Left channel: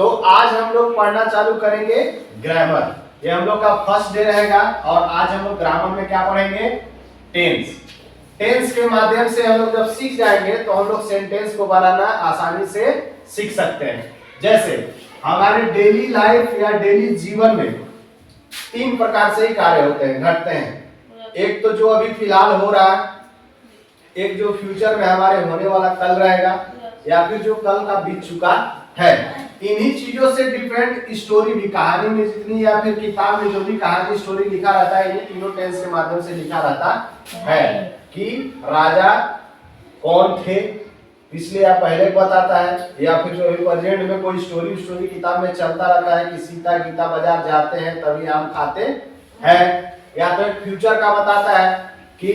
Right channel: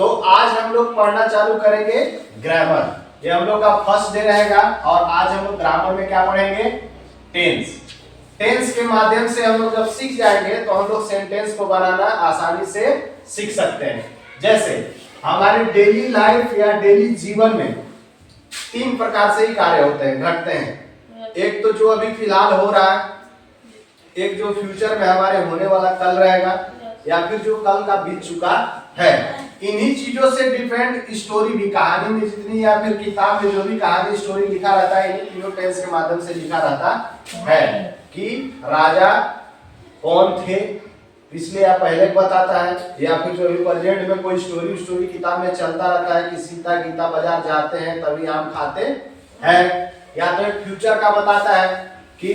तो आज हम लोग पढ़ना चालू करेंगे ग्रामर। ये हम लोग का फर्स्ट डे रहेगा और आज हम लोग ग्रामर में क्या पढ़ेंगे? टेंस। टेंस के माध्यम से हम लोग जब सीख जाएंगे तो हम लोग सेंटेंस को बनाना आसानी से सीख सकते हैं। जैसे हमारे डेली लाइफ या डेली जीवन में तीन प्रकार से ही कार्य होते हैं, घटते हैं। एक तो जो अभी फिलहाल हो रहा है, एक जो फ्यूचर में हमारे होने वाला कल रहेगा, या फिर जो कल का बीत चुका है। इन्हीं चीजों से डिफरेंट स्टोरी भी, कहानी में जितनी या फिर किताब में जो भी कहानी स्टोरी लिखा रहता है, इन्हीं तीनों टेंस के माध्यम से लिखा रहता है कि राजा कौन थे, इसलिए या पहले बताता है, या फिर जो प्रेजेंट में कोई स्टोरी किताब में चलता रहता है कि सीता गीता बाजार जाते हैं तभी आम खाते हैं, या तो एक फ्यूचर का बताता है कि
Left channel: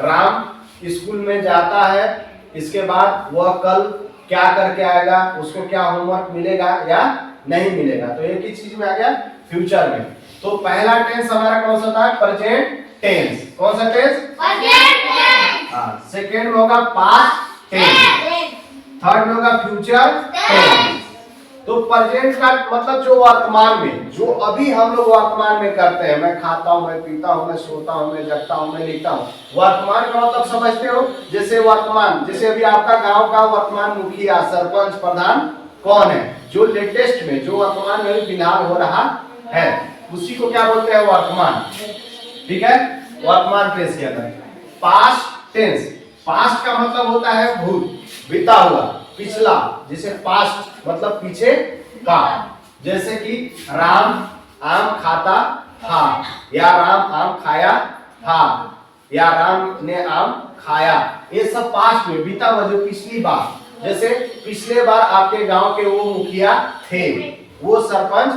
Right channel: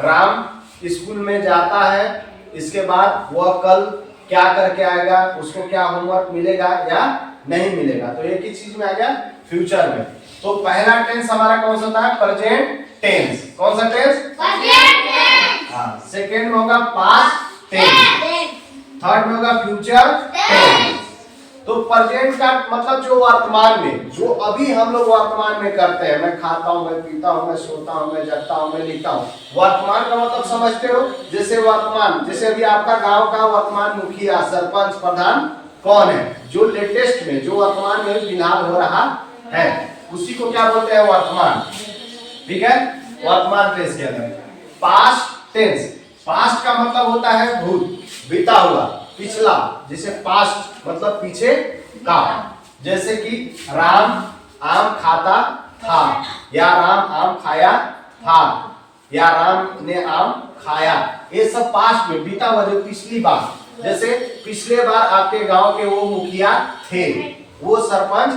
राम स्कूल में जाता है, इसके बाद वह कल क्या करके आएगा, उसको क्या होमवर्क मिलेगा या नहीं मिलेगा। तो एक ही चीज में आ गया फ्यूचर में। तो पहला टेंस हमारा कौन सा था? Present tense. कौन सा टेंस? Present tense. हाँ, सेकंड में होगा पास्ट टेंस, थर्ड में होगा फ्यूचर टेंस। तो प्रेजेंट का मतलब जो वर्तमान में, जो अभी हम लोग वर्तमान में करते हैं, मैं खाता हूँ, मैं पीता हूँ, मैं सोता हूँ, मैं जगता हूँ, मैं लिखता हूँ। वर्तमान का मतलब समझते हो? जैसे वर्तमान, जैसे अभी आपका गांव का वर्तमान मुखिया, सरपंच, प्रधान कौन है, जो लेटेस्ट में, जो वर्तमान में फिलहाल हो रहा है, उसी को क्या बोलते हैं? वर्तमान। ठीक है, वर्तमान टेंस के अंदर। पास्ट टेंस, पास्ट का मतलब होता है भूत, बीता हुआ, पिछला। जैसे पास्ट मतलब पीछे का, जैसे कि राम आम खाता था, या राम आम खाया था, या राम ने आम खाया। ये सब पास्ट में बीता हुआ, जो पिछली बार। जैसे पिछले बार आपके गांव के वो मुखिया थे, वो सरपंच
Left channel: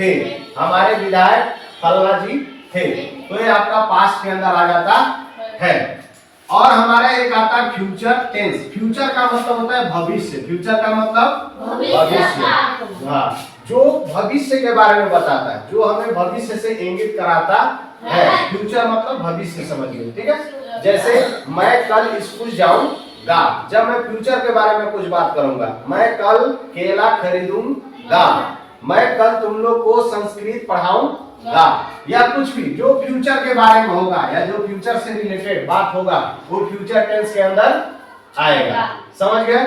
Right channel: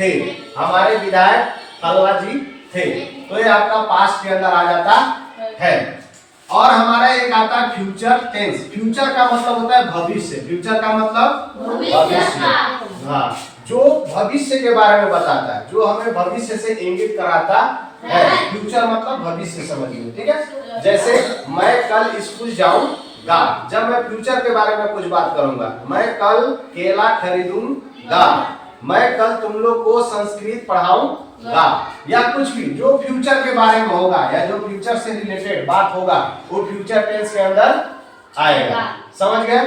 थे, हमारे विधायक फल्ला जी थे। तो ये आपका पास्ट के अंदर आ जाता है। और हमारा एक आता है फ्यूचर टेंस। फ्यूचर का मतलब होता है भविष्य। फ्यूचर का मतलब भविष्य। हाँ, जो भविष्य के बारे में बताता है, जो हमें भविष्य से इंगित कराता है। फ्यूचर मतलब भविष्य, समझिए। ठीक है, जैसे मैं कल स्कूल जाऊंगा, जब मैं फ्यूचर के बारे में कुछ बात करूंगा, मैं कल केला खरीदूंगा, मैं कल तुम लोग को संस्कृत पढ़ाऊंगा, या कुछ भी जो फ्यूचर के बारे में होगा या जो फ्यूचर से रिलेटेड बात होगा, वो फ्यूचर टेंस के अंदर आएगा। समझ गए?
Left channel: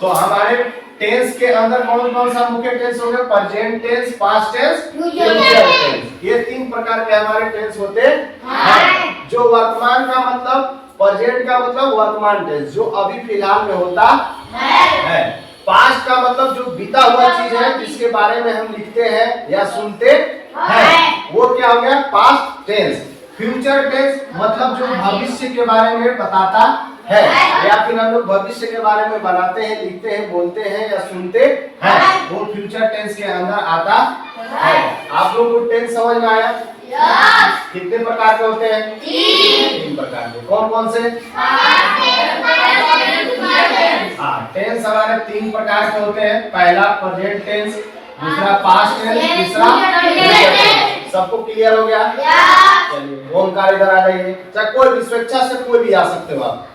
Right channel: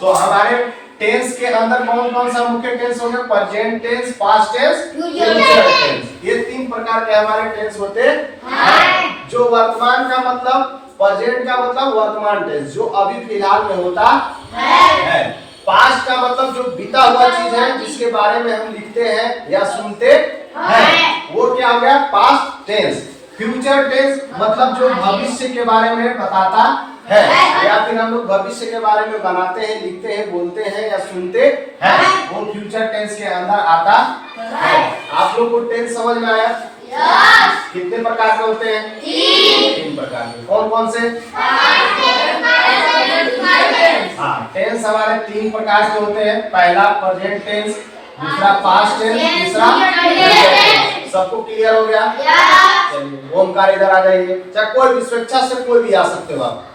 तो हमारे टेंस के अंदर कौन कौन सा मुख्य टेंस हो गए? Present tense, past tense, future tense. ये तीन प्रकार के हमारे टेंस होते हैं। जो वर्तमान का मतलब, प्रेजेंट का मतलब वर्तमान टेंस, जो अभी फिलहाल में होता है। पास्ट का मतलब जो बीता हुआ चीज है, जिसके बारे में हम लिखते हैं या सुनते हैं, वो क्या हो गया? Past tense. फ्यूचर टेंस मतलब जो भविष्य के बारे में बताता है, या फिर हम लोग भविष्य के बारे में बनाते हैं, लिखते हैं, बोलते हैं या सुनते हैं, वो फ्यूचर टेंस के अंदर आता है। आप लोग को टेंस समझ में आया? कितने प्रकार के होते हैं? तीन प्रकार के। कौन कौन से? हाँ, टेंस हमारे तीन प्रकार के होते हैं। पहला प्रेजेंट टेंस, दूसरा पास्ट टेंस, तीसरा फ्यूचर टेंस। सबको क्लियर हो गया? चलिए, ओमकार इधर आ जाइए। चाहे कोई भी, स्वेच्छा से कोई भी आ सकते हो आप।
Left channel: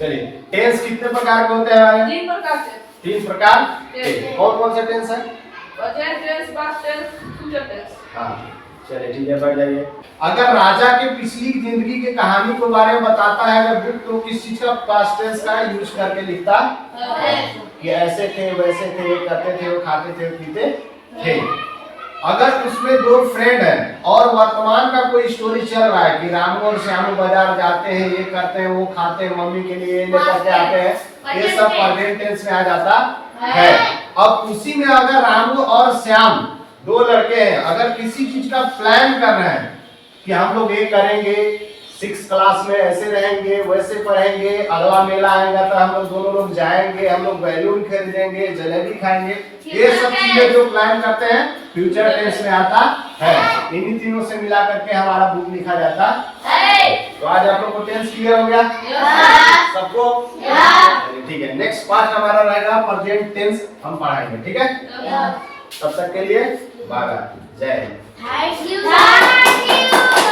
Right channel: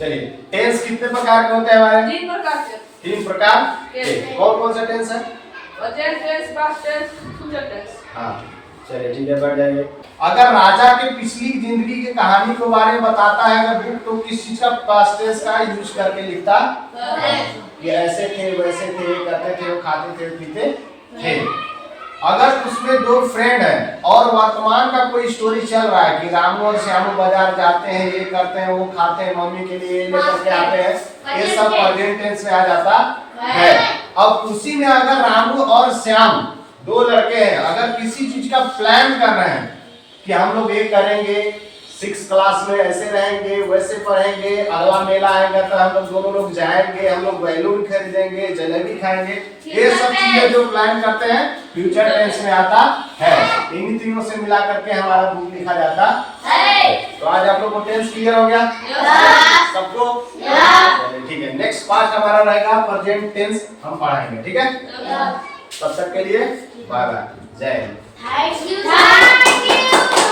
चलिए, टेंस कितने प्रकार के होते हैं हमारे? तीन प्रकार के। तीन प्रकार के। कौन कौन से टेंस है? Present tense, past tense, future tense. हाँ, चलिए ठीक है, बैठ जाइए। अगर राजा के पिछली जिंदगी की कहानी के बारे में बताता है अगर बुक, तो किस चीज का पास्ट टेंस का यूज करके लिखता है? कि ऐसे थे, वैसे थे, करते थे, खाते थे, पीते थे। अगर उसमें दो फ्रेंड है और वर्तमान का कोई स्टोरी चल रहा है कि रामू और श्यामू बाजार जाते हैं, ये करते हैं, वो खाते हैं, मम्मी के लिए लेकर के आते हैं, ये सब प्रेजेंट टेंस में आ जाता है। अब उसी में अगर रामू और श्याम दो लड़के हैं, अगर किसी चीज का प्लान कर रहे हैं कि हम लोग ये करेंगे, 6 क्लास में ऐसे रहेंगे, वैसे पढ़ेंगे, अगला मेला आएगा तो हम लोग दोनों लोग जाएंगे, हम लोग बैलून खरीदेंगे, जलेबी खाएंगे, ये सब चीजें जो प्लान करते हैं फ्यूचर टेंस में आता है। इन्हीं तीनों से मिला करके हमारा बुक लिखा जाता है। तो आज आप लोग को टेंस क्लियर हो गया? सबको? ठीक है, नेक्स्ट पार्ट हमारा रहेगा प्रेजेंट टेंस, हम पढ़ाएंगे। ठीक है, तब तक के लिए बाय बाय, जय हिंद। Thank you.